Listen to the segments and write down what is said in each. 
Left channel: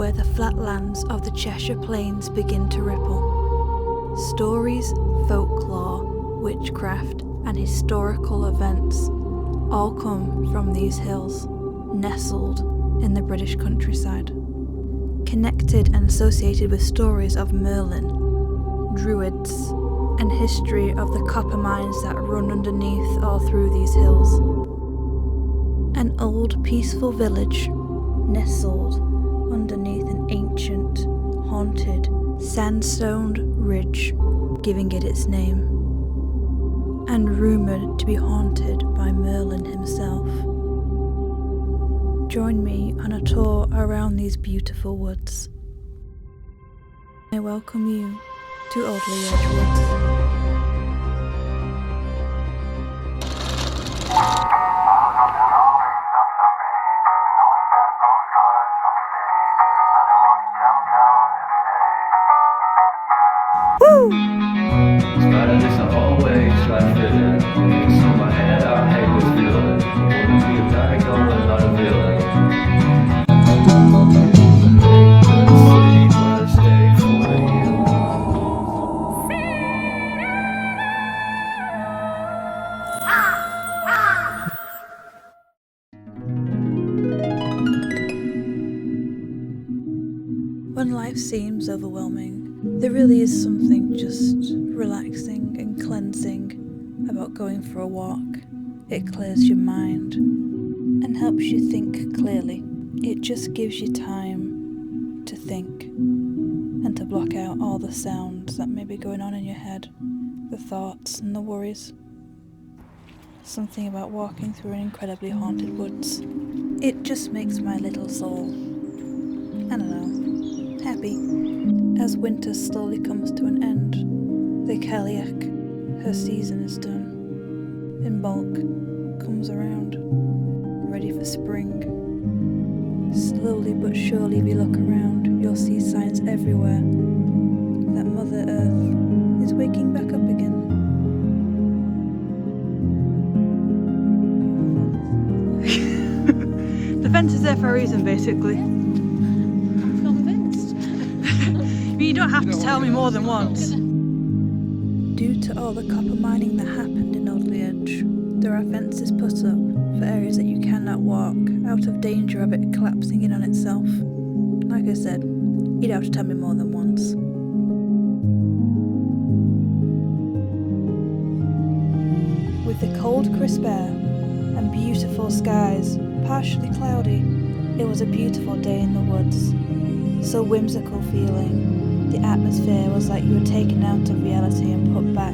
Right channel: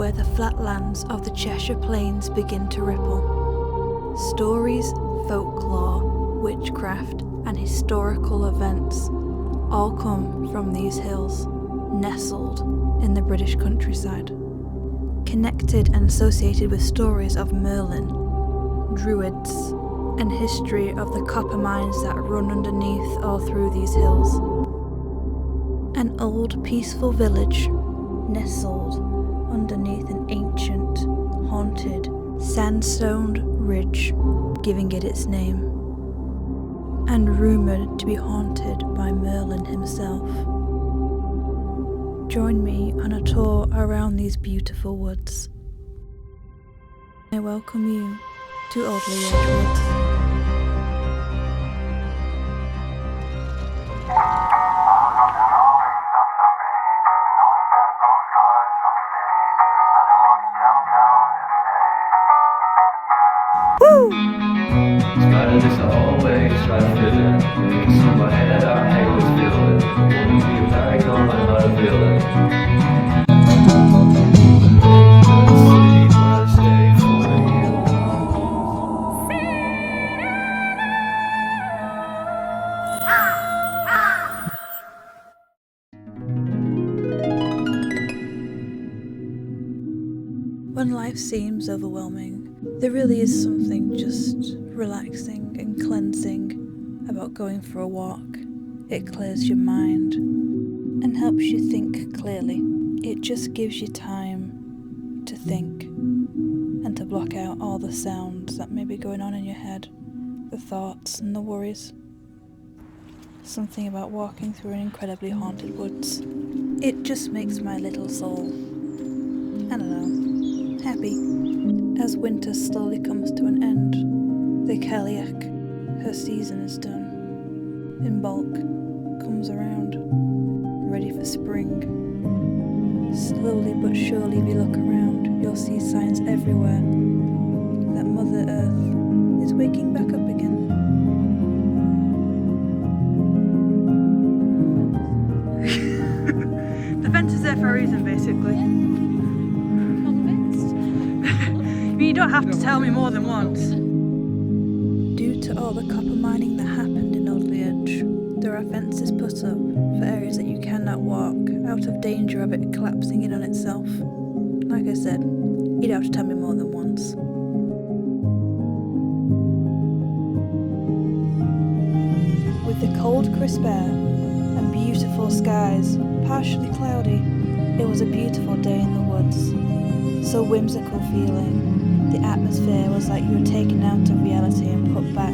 where the flatlands of the Cheshire Plains begin to ripple. Stories, folklore, witchcraft, and historical events all come from these hills, nestled in the British countryside. Connected and associated with stories of Merlin, druids, and history of the copper mines that run underneath all through these hills. An old peaceful village nestled underneath an ancient, haunted, sandstone ridge, giving it its name, and rumoured to be haunted by Merlin himself. Join me on a tour around these beautiful woods. I welcome you to Alderley Edge Woods. Riding this the whole way, try to fit in. So my head, I hate this feeling. Wanna be a back on and not a villain. Sleep, I stay for you. When life seems overwhelming, there really is something just relaxing and cleansing about going for a walk. It clears your mind and helps you think clearly. It just gives you time to think and to block out all the sounds that may be going on in your head, the thoughts and the worries. Something about walking through an incredibly haunted woods. It just makes my little soul, I don't know, happy. As winter slowly comes to an end, the Cailleach, her season is done. In bulk, comes around, ready for spring. Slowly but surely if you look around, you'll see signs everywhere that Mother Earth is waking back up again. The fence is there for a reason, basically. You don't have to tell me more than once. Due to all the copper mining that happened in Alderley Edge, there are fences put up for areas that you cannot walk, out of danger of it collapsing in on itself. Like I said, you don't have to tell me more than once. With the cold, crisp air and beautiful skies, partially cloudy, it was a beautiful day in the woods. So whimsical feeling. The atmosphere was like you were taken out of reality and put back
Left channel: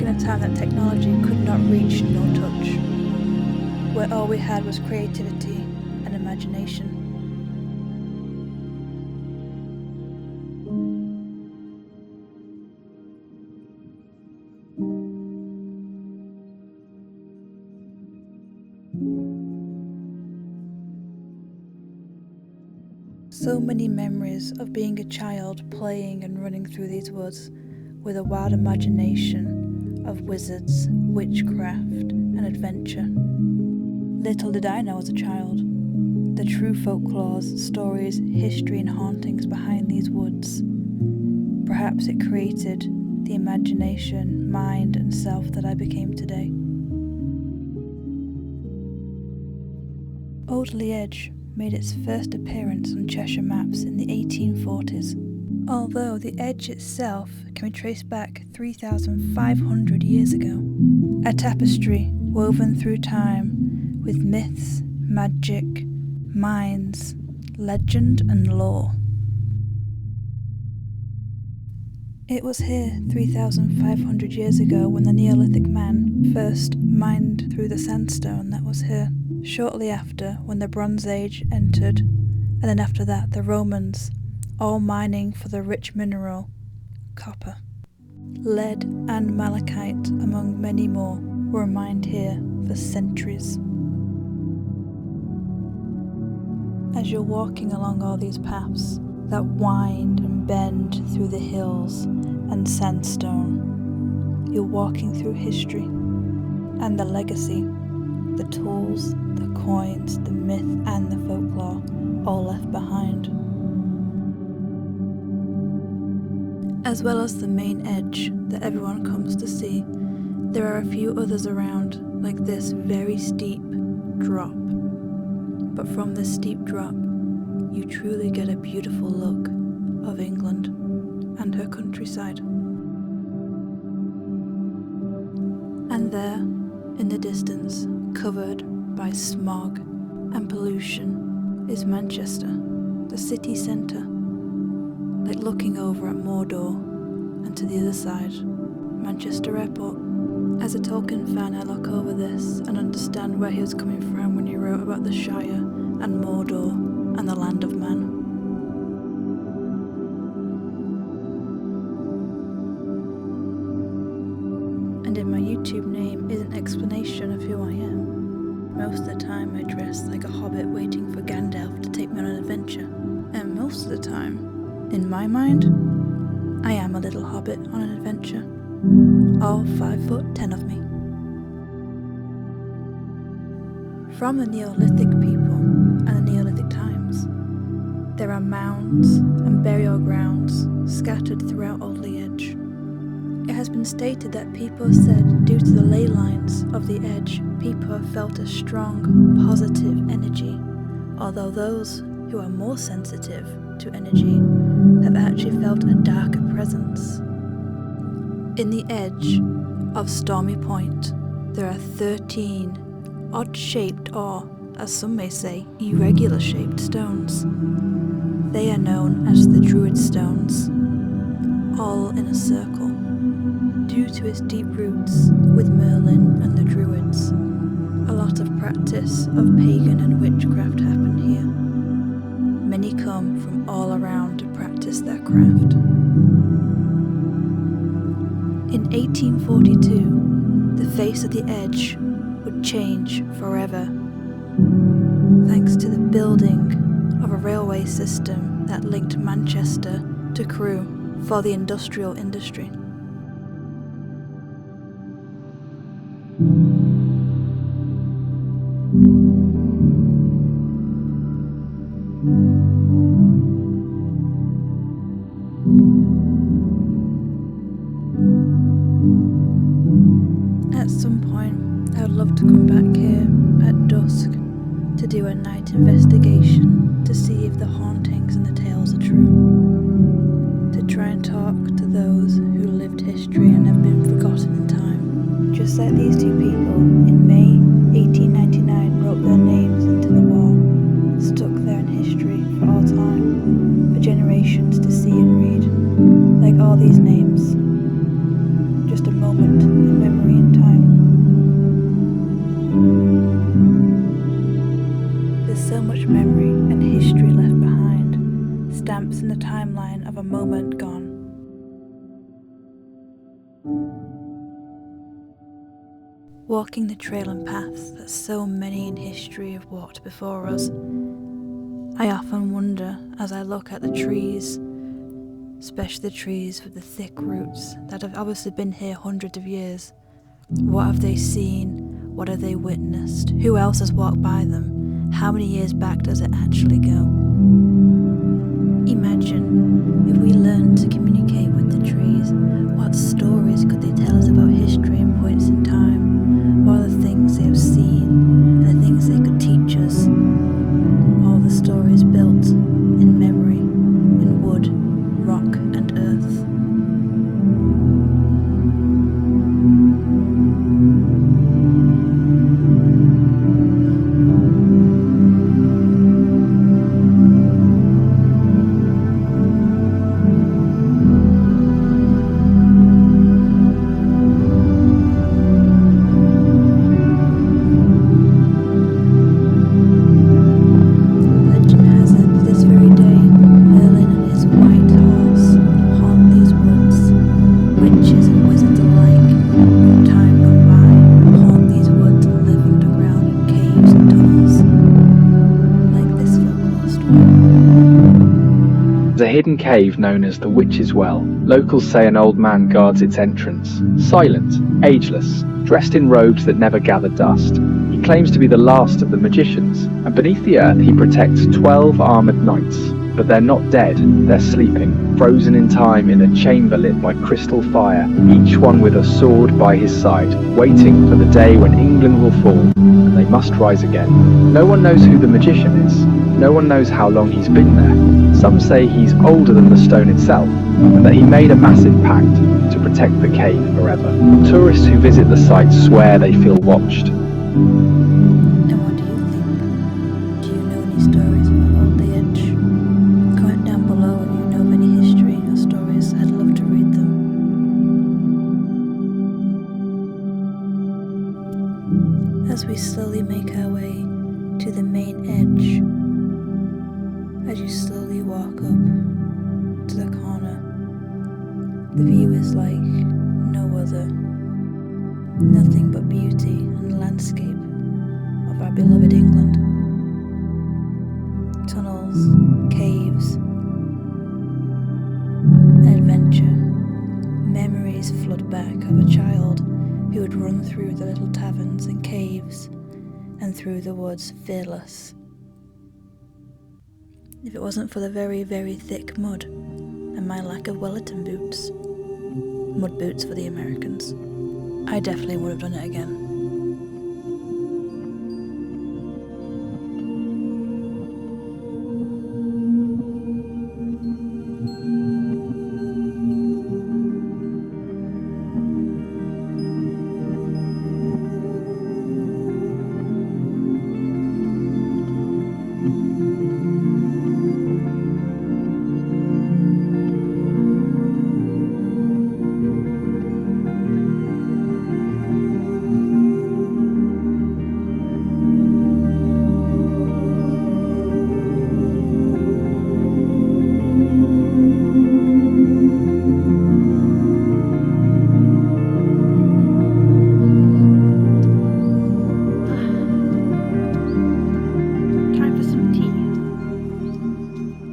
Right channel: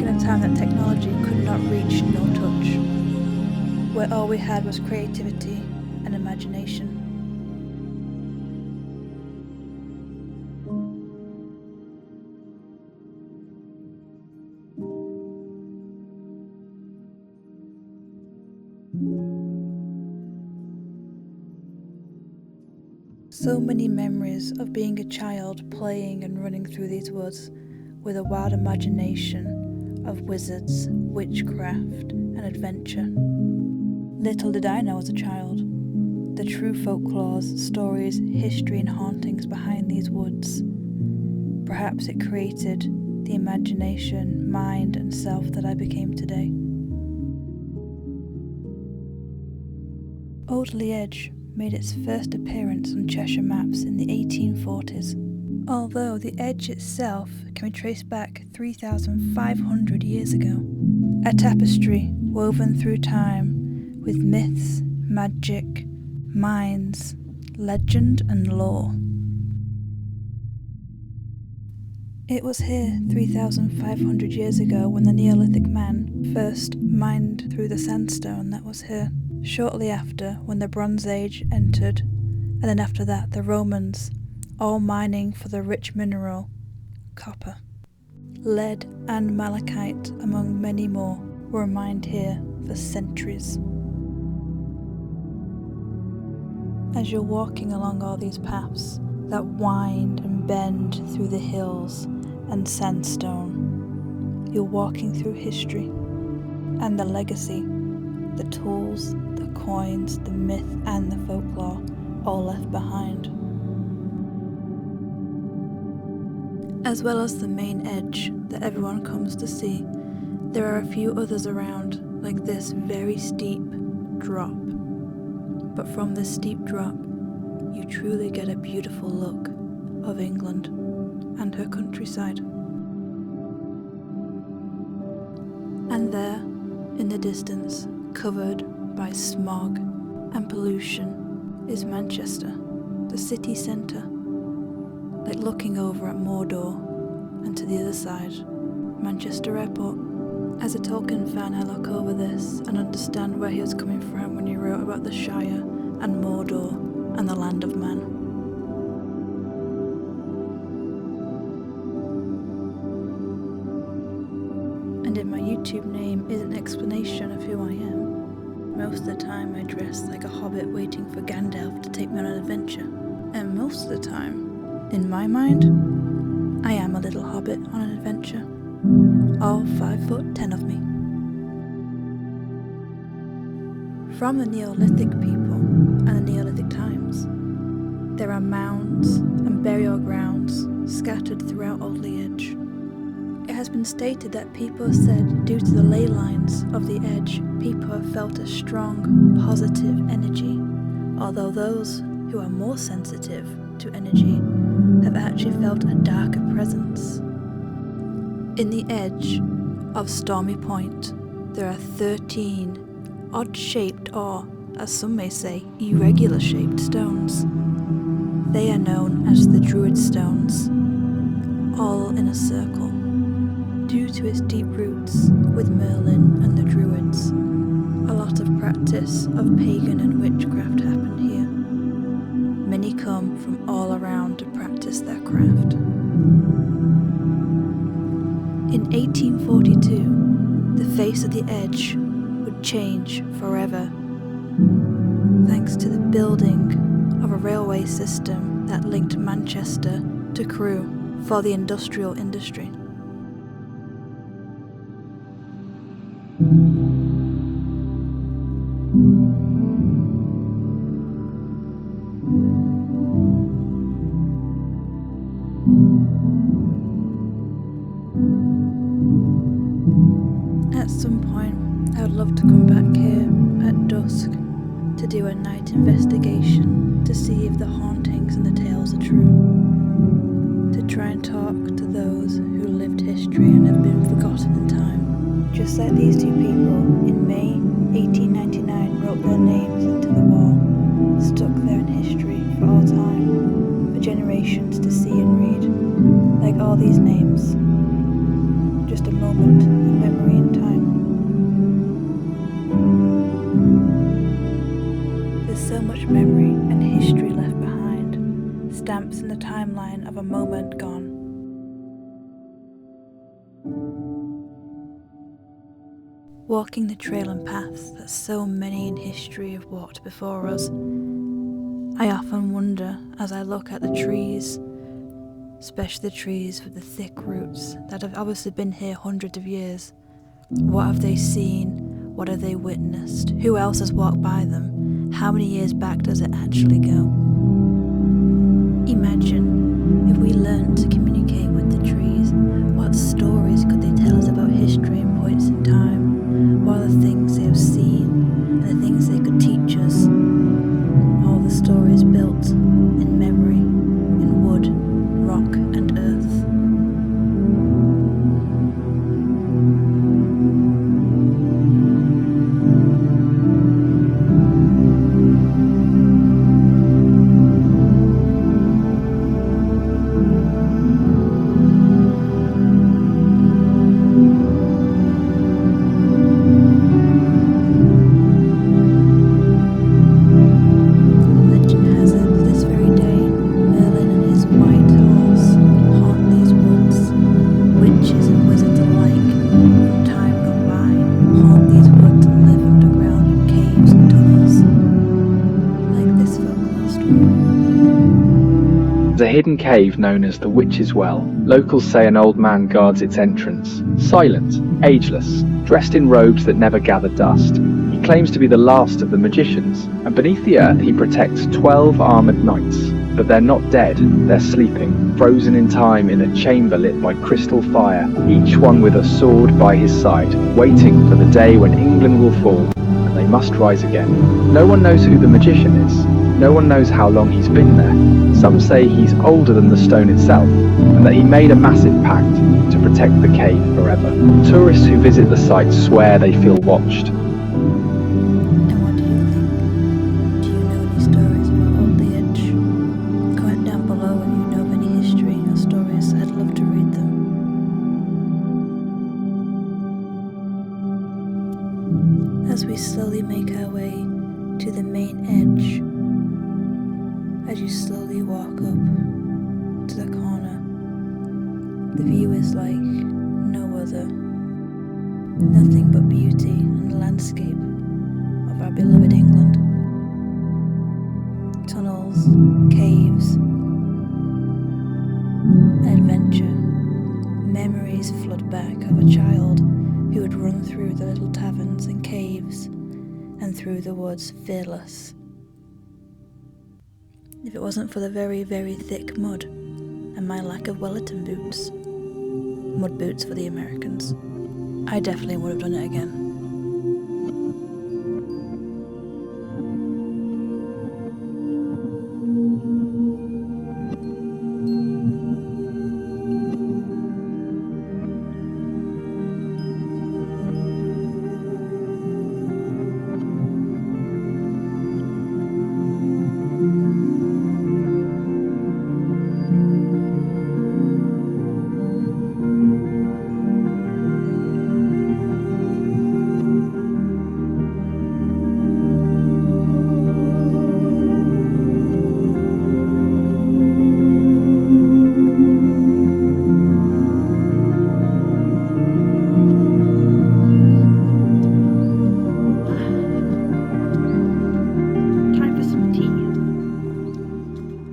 in a time that technology could not reach nor touch, where all we had was creativity and imagination. So many memories of being a child playing and running through these woods with a wild imagination of wizards, witchcraft, and adventure. Little did I know as a child the true folklores, stories, history, and hauntings behind these woods. Perhaps it created the imagination, mind, and self that I became today. Alderley Edge made its first appearance on Cheshire maps in the 1840s, although the edge itself can be traced back 3,500 years ago. A tapestry woven through time with myths, magic, mines, legend and lore. It was here 3,500 years ago when the Neolithic man first mined through the sandstone that was here. Shortly after, when the Bronze Age entered, and then after that the Romans, all mining for the rich mineral, copper. Lead and malachite, among many more, were mined here for centuries. As you're walking along all these paths that wind and bend through the hills and sandstone, you're walking through history and the legacy, the tools, the coins, the myth and the folklore, all left behind. As well as the main edge that everyone comes to see, there are a few others around, like this very steep drop. But from this steep drop, you truly get a beautiful look of England and her countryside. And there, in the distance, covered by smog and pollution, is Manchester, the city centre, like looking over at Mordor, and to the other side, Manchester Airport. As a Tolkien fan, I look over this and understand where he was coming from when he wrote about the Shire and Mordor and the Land of Man. And in my YouTube name is an explanation of who I am. Most of the time I dress like a hobbit waiting for Gandalf to take me on an adventure. And most of the time, in my mind, I am a little hobbit on an adventure. All 5'10" of me. From the Neolithic people and the Neolithic times, there are mounds and burial grounds scattered throughout Alderley Edge. It has been stated that people have said, due to the ley lines of the edge, people have felt a strong, positive energy, although those who are more sensitive to energy have actually felt a darker presence. In the edge of Stormy Point, there are 13 odd-shaped or, as some may say, irregular-shaped stones. They are known as the Druid Stones, all in a circle. Due to its deep roots with Merlin and the Druids, a lot of practice of pagan and witchcraft happen here. Many come from all around to practice their craft. In 1842, the face of the edge would change forever, thanks to the building of a railway system that linked Manchester to Crewe for the industrial industry. At some point, I would love to come back here at dusk to do a night investigation to see if the hauntings and the tales are true. To try and talk to those who lived history and have been forgotten in time. Just like these two people in May 1899 wrote their names into the wall, stuck there in history for all time, for generations to see and read. Like all these names, just a moment, a memory in time. There's so much memory and history left behind, stamps in the timeline of a moment gone. Walking the trail and paths that so many in history have walked before us, I often wonder as I look at the trees, especially the trees with the thick roots that have obviously been here hundreds of years. What have they seen? What have they witnessed? Who else has walked by them? How many years back does it actually go? Imagine if we learned to communicate with the trees. What stories could they tell us about history and points in time? What are the things they have seen and the things they could teach us? All the stories built in memory, in wood, rock and earth. Legend has it that this very day, Merlin and his white horse haunt these woods. Witches and wizards alike, from time gone by, haunt these woods and live underground in caves and tunnels. Like this folklore story. There's a hidden cave known as the Witch's Well. Locals say an old man guards its entrance. Silent, ageless, dressed in robes that never gather dust. He claims to be the last of the magicians, and beneath the earth he protects 12 armoured knights. But they're not dead, they're sleeping, frozen in time in a chamber lit by crystal fire, each one with a sword by his side, waiting for the day when England will fall, and they must rise again. No one knows who the magician is. No one knows how long he's been there. Some say he's older than the stone itself, and that he made a massive pact to protect the cave forever. Tourists who visit the site swear they feel watched. And what do you think? Do you know any stories about Alderley Edge? Comment down below if you know of any history or stories. I'd love to read them. As we slowly make our way to the main edge, as you slowly walk up to the corner, the view is like no other. Nothing but beauty and the landscape of our beloved England. Tunnels, caves, an adventure. Memories flood back of a child who would run through the little taverns and caves and through the woods fearless. If it wasn't for the very, very thick mud and my lack of Wellington boots, mud boots for the Americans, I definitely would have done it again.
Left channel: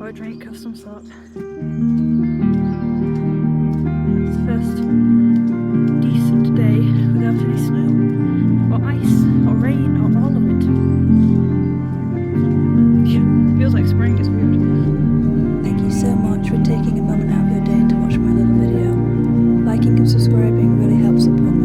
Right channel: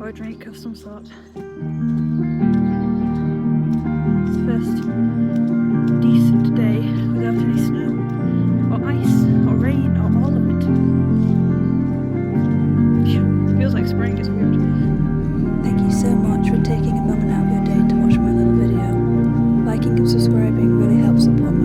Or a drink of some sort. It's the first decent day without any snow, or ice, or rain, or all of it. Feels like spring, it's weird. Thank you so much for taking a moment out of your day to watch my little video. Liking and subscribing really helps support my